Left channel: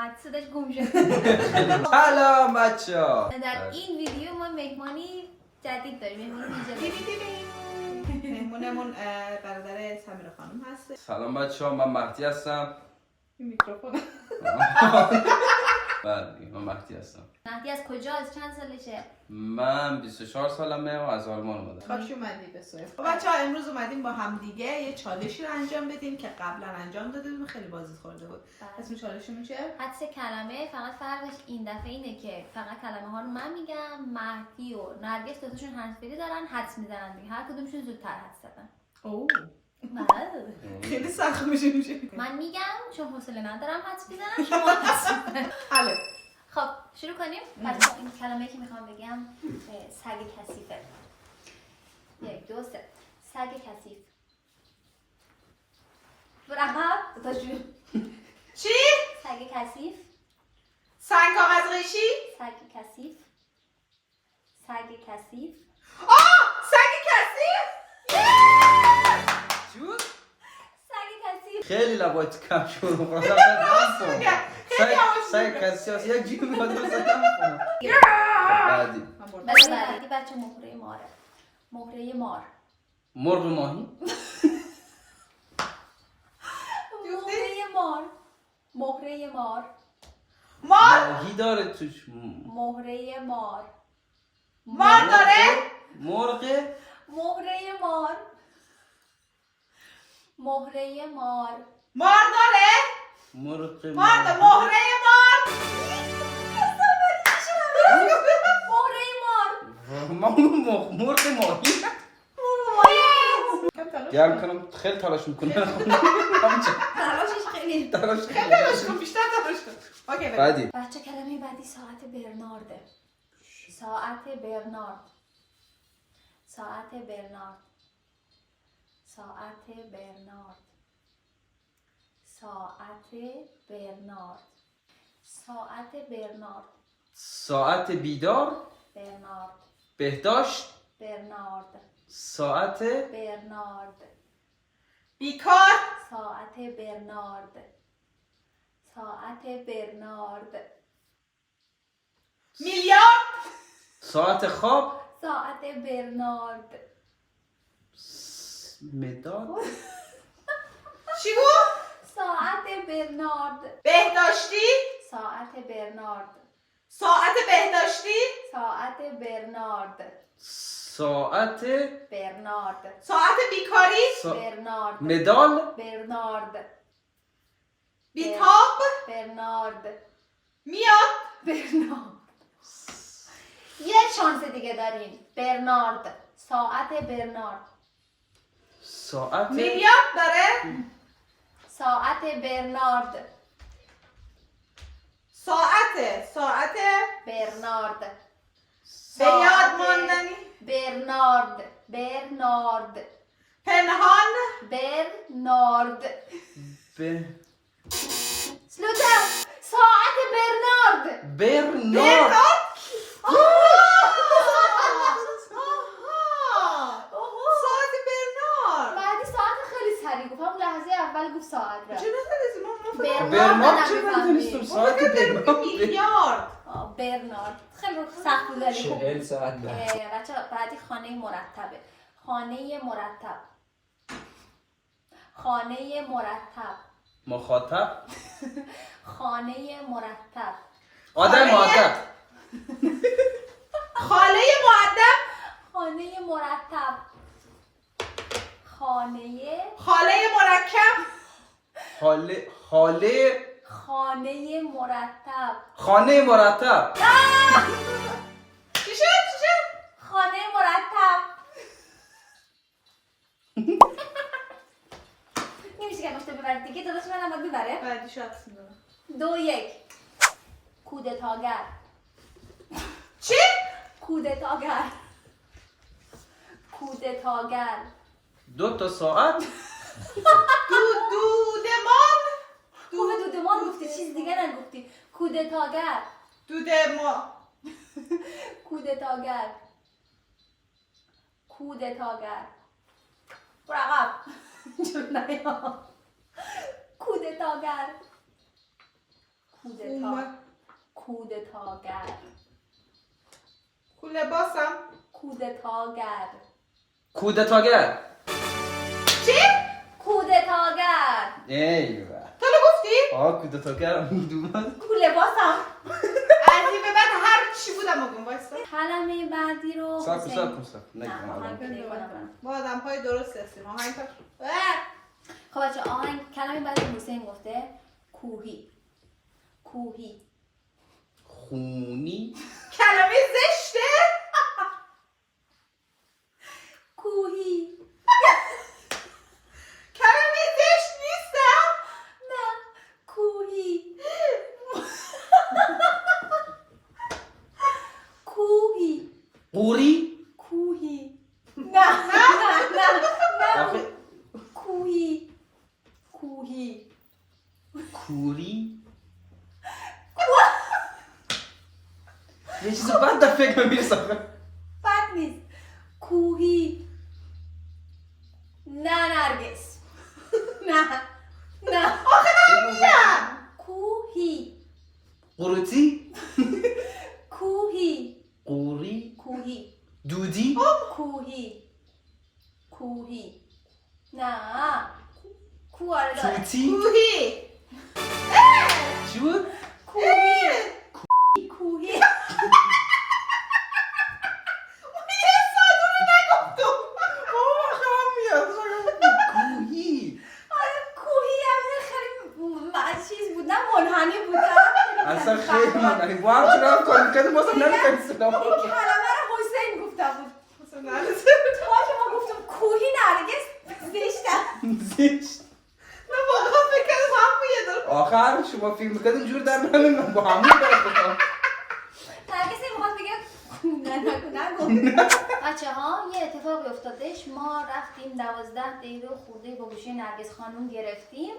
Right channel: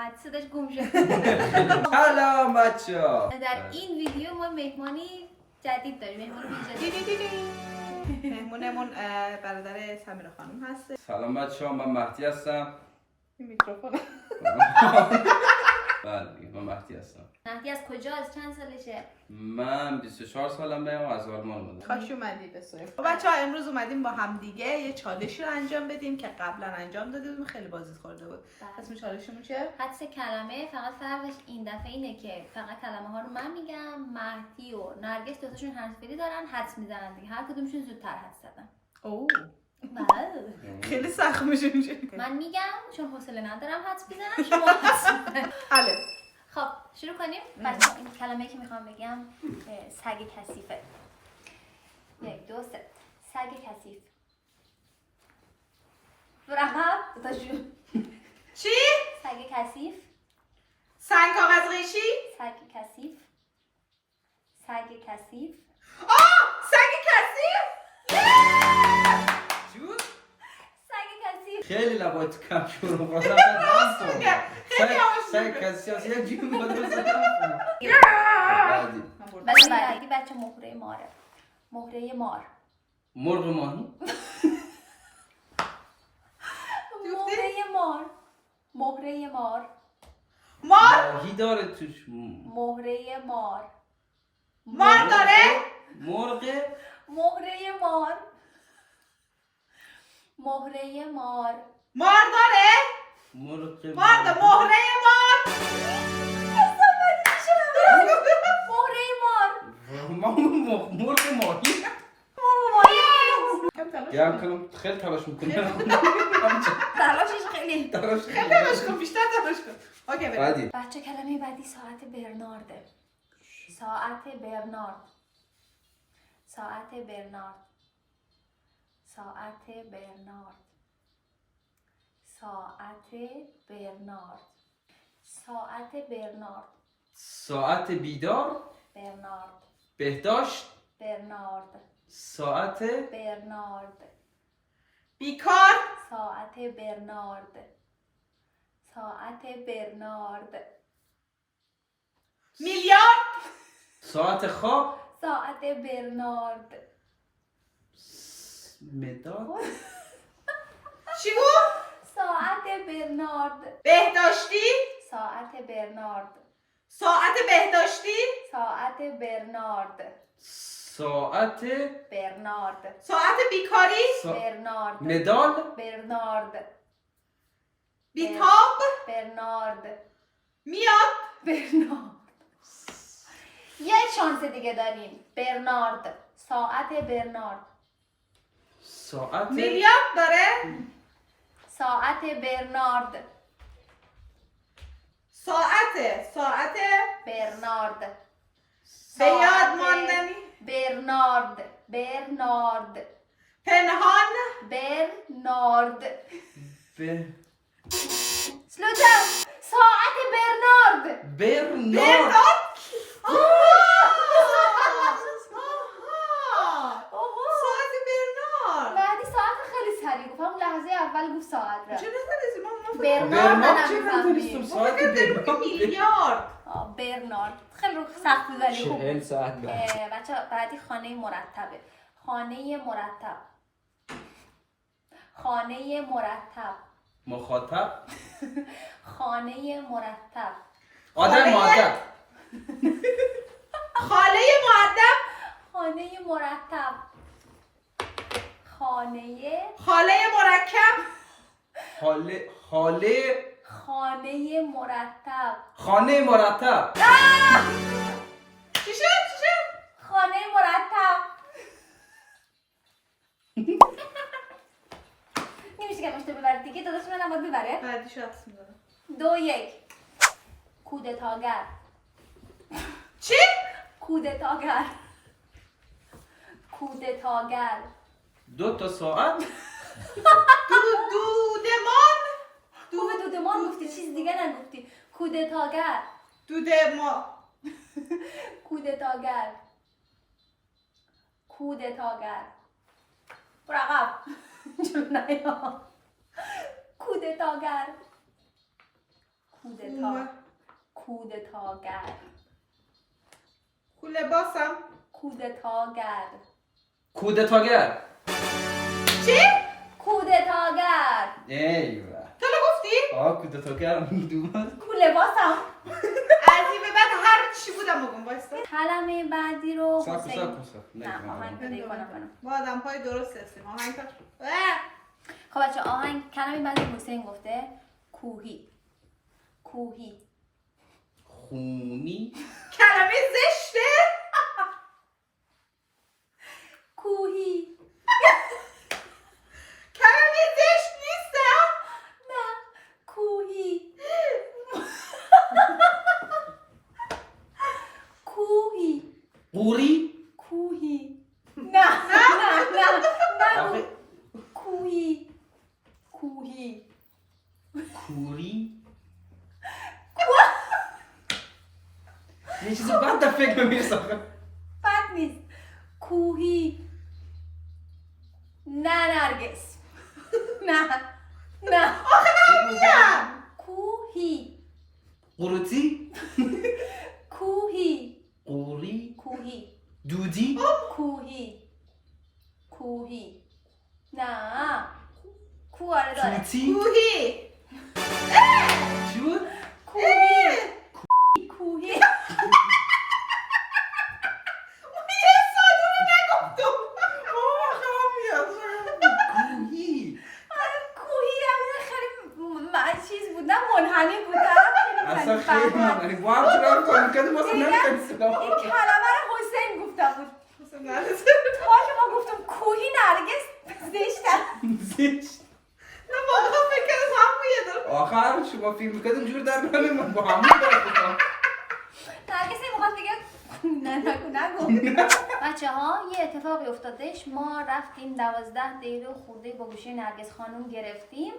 اومد صداش گم شد. سلام بچه‌ها. در این ویدیو ما مهمانی جدید داریم، مهمان ویژه. مهمونمون برادر سمیرا خانم هست. سلام بچه‌ها، من مهدی هستم. این میکروفون. بله من مهدی هستم. مهدی از کجا؟ از چند سالشه؟ من 24 سالمه و از آلمان اومدم. خوش اومدید به سوی. بچه‌ها امروز اومدیم با هم دیگه یه چالشی رو انجام بدیم که قبلا انجام داده بودیم، خیلی بازی خورده بود. اسم چالشمون چیه؟ حدس کلمه. فقط فرقش این دفعه اینه که فقط کلمه ها رو من میگم، مهدی و نرگس دوتاشون حذفی دارن، حدس میزنن دیگه. هر کدومشون زودتر حدس زدن. اوه بله. خیلی سخت میشه. من میگم چون حوصله ندارم حدس بزنم، شما حدس بزنید. الف. خب شروع کنیم. بچه‌ها این کلمه‌ای که میخوام بگم سگ کثیفه. 1 2 3 سگ کثیف. برقب تا شروع. چی؟ سگ کثیف. سنگ کاغذ قیشی؟ سگ کثیف. سگ کثیف. سگ کثیف؟ چون سگ کثیف. خیلی لبات کم شروع کنم. سعی کسی هست یک جیب میاد بزنم. بعدی بعدی بچه مهره ماره. مهره مار. مرغ ماهی. مهره مار. مهره مار. مار؟ ماهی داره توش. مهره مار. مار داره؟ مرغ. مهره مار. مهره مار. مار داره؟ مرغ مار داره. مهره مار؟ مهره مار. مرغ ماهی. گرم کنم خیلی تلاش میکنم. تلاشش خیلی. تلاش تلاش کن، بیشتر تلاش کن. اوکی بریم. بعدی بچه کلمه بعدی ساعت برنارده. ساعت برنارد. ساعت برنارد. ساعت برنارد. ساعت برنارد. ساعت برنارد. ساعت بیدار. برنارد. بهداشت. برنارد. ساعت برنارد. بیکار؟ ساعت برنارد. ساعت برنارد. میلیارد؟ ساعت خواب. ساعت برنارد. مداد. چی بود؟ ساعت برنارد. بهداشتی؟ ساعت برنارد. ساعت بهداشتی؟ ساعت برنارد. ساعت برنارد. ساعت بیکاری؟ برنارد. مدال. برنارد. بیتاب؟ برنارد. میاد؟ برنارد. یه شانس دیگه داریم. برنارد. ساعت برنارد. ساعت میلیارد داره؟ ساعت برنارد. ساعت برنارد. به یاد ماندنی؟ برنارد. برنارد. پنهان؟ برنارد. ب... سلوتر. ساعت برنارد. برنارد. ساعت برنارد. بعدی ساعت خیلی سریع گفت، همون لحظه اول گفت ساعت را. چه نفهمیدی؟ ما برنارد چه ندونستم ساعت برنارد. میلیارد. برنارد خیلی سخت بود ولی خوب 40 بود. ساعت بعد. بچه بعدی خانه مرتبه. خانه مرتب. خانه مرتب. مخاطب. خانه مرتب. آدم مؤدب. خاله مؤدب؟ خانه مرتب. خانه خاله مرکب؟ خانه مرتب. خانه مرتب. چی شد؟ خانه مرتب. نمیشه که مشته ببرید دیگه، داداش من هم باید ببره. بعدی شخص میدونم. 2 1 کودتاگر. چی؟ کودتاگر. کودتاگر. 2 تا ساعت. دودمان؟ خوبه دودمان گفتی، چیز دیگه نگفتی. کودتاگر. کودتاگر. کودتاگر. برو عقب. جلو نیا. کودتاگر. کودتاگر. کوله باسم. کودتاگر. کودتاگر. چی؟ کودتاگر. ایوه. تو گفتی؟ کودتاگر دوباره. کوله باسم. از این به بعد هر چی بودم بگم وایسا. کلمه بعدی رو ساکو حسین. ساکو نه آهنگ پیدا کنم. ما آدم های درست هستیم. آهنگ تا خب بچه آهنگ کلمه بعدی حسین گفته کوهی. کوهی. خونی. کلمه زشته. کوهی. کلمه زشت نیستم. نه کوهی. کوهی. قوری. کوهی. نه نه نه نه آخه کوهی. کوهی. کوری. یه چیز بد در فکر میرسه. بد نیست. کوهی. نه نرگس. نه نه کوهی. قروتی. کوهی. قوری. کوهی. دودی. کوهی. کوهی. نه کواره داره. توتی. کوهی. چی بود؟ کوهی. کوهی. یه ساعت رو نگفتم. کوهی. کوهی هم خیلی چیز بود نه منحنی بود. اصلا خیلی من با هم چرا کار کردیم واسه نمی‌کنیم. این کلمه رو حسین گفته بود. تا ما گفتم کوهی نرگس زشتن. زشت. نه واقعا فکر کردم هم یه داره. آخر شما فیلم می‌کردین جور در من با همون دارم. نرگس این موقع بگه نگو. بچه ها یه اتفاقی افتادش. ما رفتیم 12 دقیقه خورده با گوشی نرگس خانم گرفتیم.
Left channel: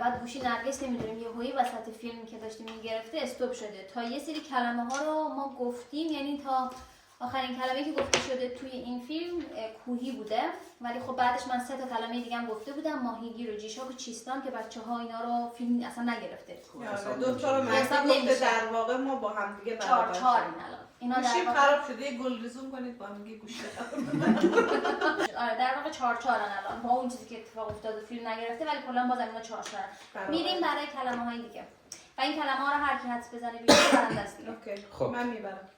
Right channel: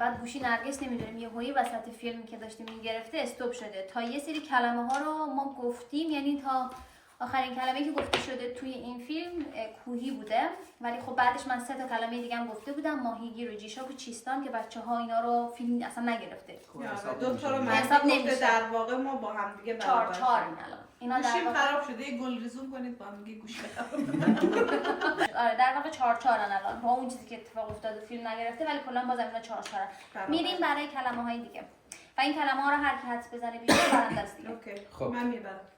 بعد گوشی نرگس نمیدونیم یهویی وسط فیلمی که داشتیم میگرفته استوب شده. تا یه سری کلمه ها رو ما گفتیم، یعنی تا آخرین کلمه‌ای که گفته شده توی این فیلم کوهی بوده، ولی خب بعدش من 3 تا کلمه دیگه هم گفته بودم، ماهیگیر و جیشاک و چیستان که بچه‌ها اینا رو فیلم اصلا نگرفته. دو تا رو حساب من نمیشه. در واقع ما با هم دیگه 4 برابر 4 شدیم. این الان. اینا در گوشیم واقع خراب شده یه گل ریزون کنید با هم دیگه گوش بخرم. آره در واقع 4 4 الان با اون چیزی که اتفاق افتاد و فیلم نگرفته، ولی کلا باز اینا 4 4. میریم برای کلمه‌های دیگه. و این کلمه‌ها رو هر کی حدس بزنه بیشتر برنده است دیگه. اوکی. خب. من میبرم.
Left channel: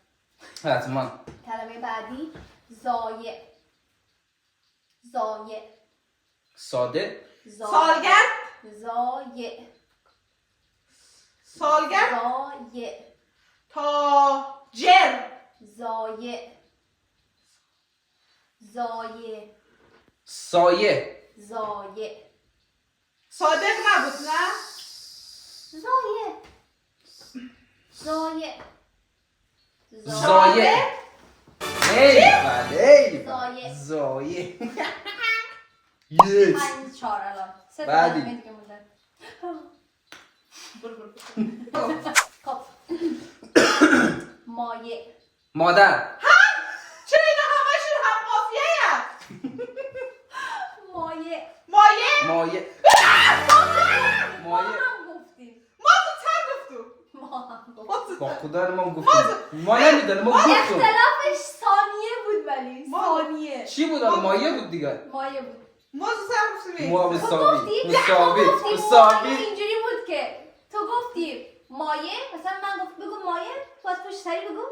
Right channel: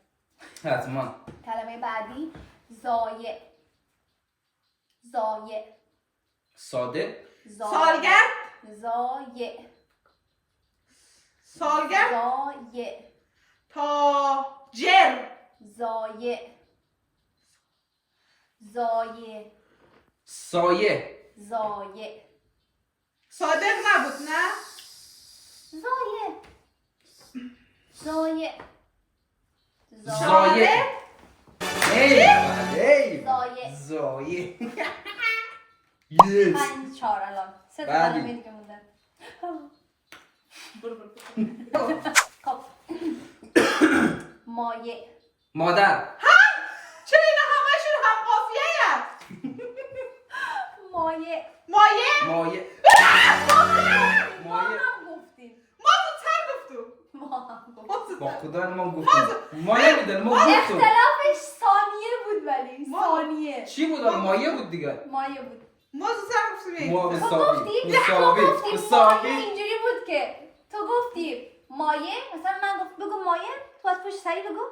حتما. کلمه بعدی زایع. زایع. ساده. سالگرد. زایع. سالگرد. زایع. تاجر. زایع. زایع. سایه. زایع. صادق نبود نه؟ زایع. زایع. زایه. ای زایه. زایه. یس. 5 4 الان 3 تا بعدی. کلمه دیگه مونده. برو. خب مایع. مادر. چرا اینا همشون هم قافیه هست؟ مایع. مایه؟ مایه. ما مایه. هم گفتیم. ما زودتر گفتیم. ما هم گفتیم. ما با زودتر. خدا ما گفتیم. ما نمیدونم ما گفتیم. اختلافش ثانیه بود ولی ثانیه. چی بود آن مایه بود دیگه. مایع بود. ما زودتر گفتیم. ما تو مساوی. گفتی؟ مساوی. تو گفتی مایع مساوی. اینجوری بود که تو گفتی مایع، مثلا من گفت بگو مایع، تو از پشت سری بگو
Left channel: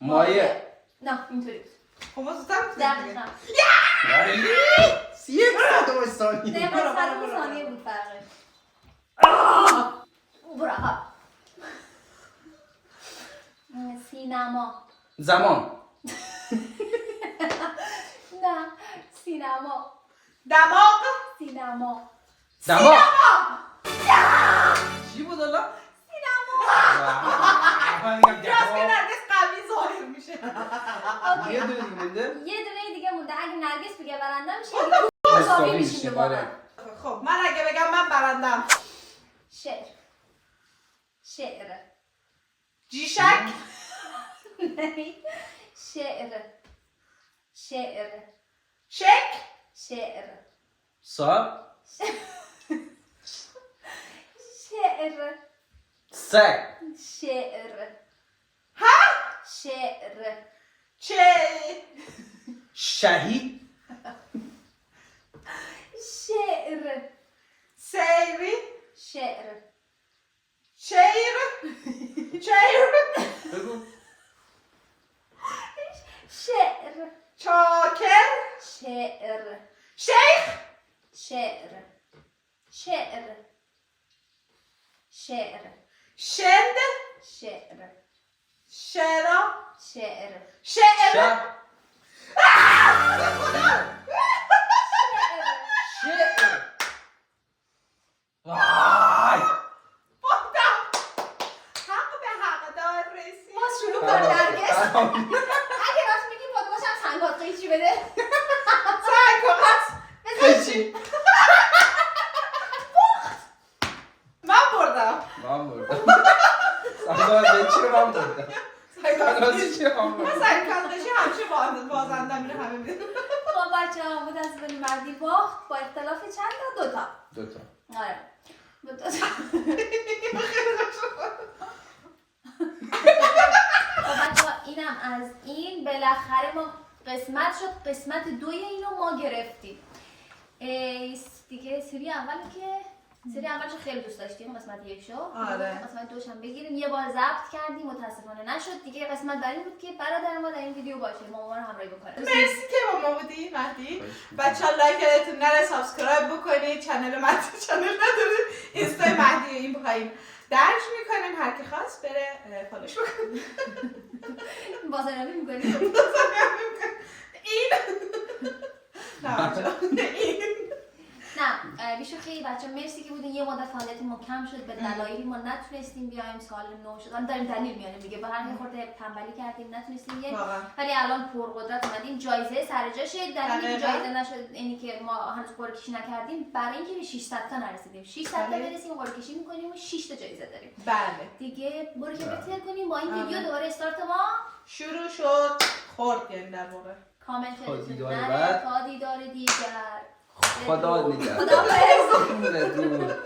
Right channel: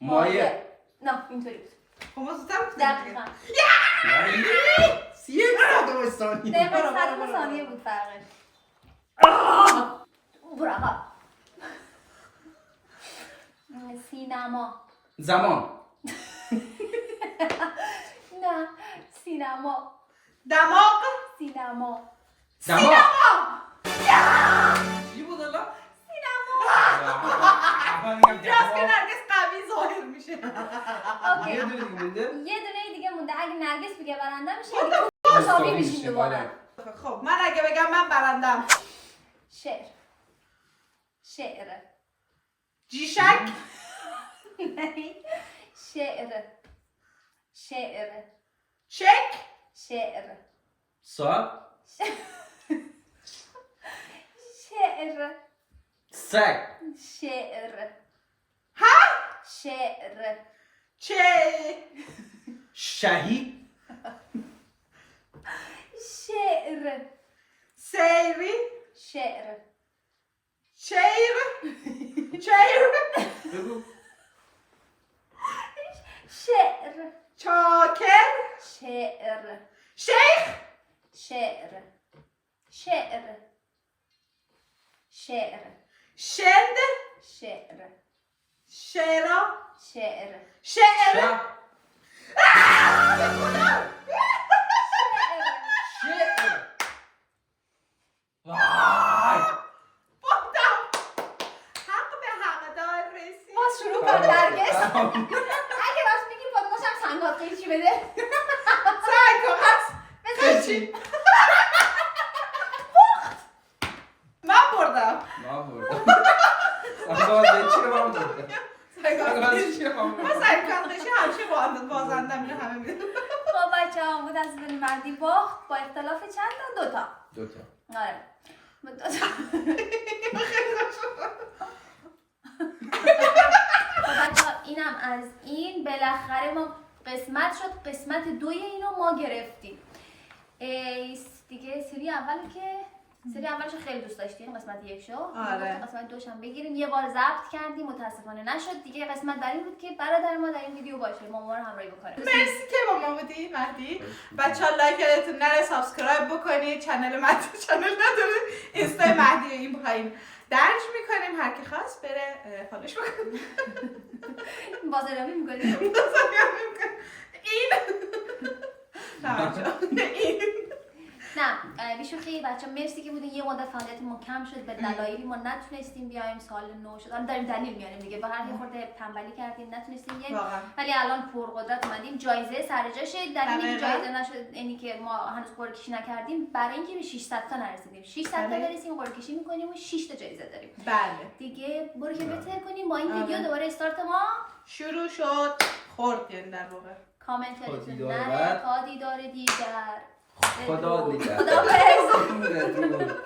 مایه. نه اینطوری بود. خب ما زودتر گفتیم دیگه. دقیقاً. یک صدم ثانیه. دقیقاً برو، صدم برو. ثانیه بود فرقش. برو آقا. سینما. زمان. نه سینما. دماغ. سینما. دماغ. چی بود الان؟ راست که نرگس قوی ظاهر میشه. اوکی. یه دونه دیگه مونده. یه دونه دیگه مونده. اگه نرگس بگه برنده میشه اگه مساوی میشیم دوباره. خب من اگه بگم من برندم. شعر. شعر. جیشک. شعر. شعر. شک. شعر. سا. شعر. سگ. شعر. شعر. شهید. شعر. سیری. شعر. شعر. بگو. شعر. چاکر. شعر. شیخ. شعر. شعر. شعر. شند. شعر. شعرا. شعر. شعر. شهر. شعر. شعر. وای. بودم. حق به حق دار رسید. باز شروع کن نرگس. اگه راست میگی پادگاش هم سنگات قیچی بده. سنگ و قصد. قیچی. من بردم. من بردم. سنگات قیچی رو من بردم. سنگات قیچی رو من من بردم. سنگ قیچی همیشه بازنده اینو همه میدونم. خب بچه ها بود از بین بعدی باخت با اختلاف چند تا؟ 2 تا. 2 تا. آره با 2 تا. خب بچه ها اینم از این بالاخره ما قسمت شد. قسمت 2 اینو ما گرفتیم. دیگه سری اولی که سری اولش خیلی دوست داشتیم قسمت 1 شو. آره. قسمت 2 هم بگیریم. یه بار ضبط کردیم متاسفانه نشد. دیگه قسمت بعدی بود که برادر ما در این ویدیو باشه. ما رو همراهی بکنه. مرسی که با ما بودی مهدی. بچه‌ها لایک یادتون نره، سابسکرایب بکنید. چنل مهدی چنل نداره. اینستا مهدی این پایین درج میکنیم. هر کی خواست بره فالوش بکنه. بازاریابی می‌کنیم. این نه بچه‌ها این نه بیشوخی بچه مرسی که بودین. یه مدت فعالیتمون کم شد به دلایلی ما نتونستیم بیایم. سال نو شد داریم دلیل میاریم دیگه. به هر یه خورده تنبلی کردیم نتونستیم بیایم. ولی الان پرقدرت اومدیم. جایزه سر جاشه. دلیلی که جایزه نشد اینی که ما هنوز قرعه کشی نکردیم برای اینکه به 600 تا نرسیدیم. 600 تا برسیم قرعه کشی میکنیم و 6 تا جایزه داریم. بله دیگه برو که بهتر کنیم. با این ویدیو دوباره استارت ما شروع شد. خورد یعنی در واقع. کامنت تا یادتون دیدار نره. بعد. تا دیدار دیگر. خدا نگهدار. خداحافظ. بدرود.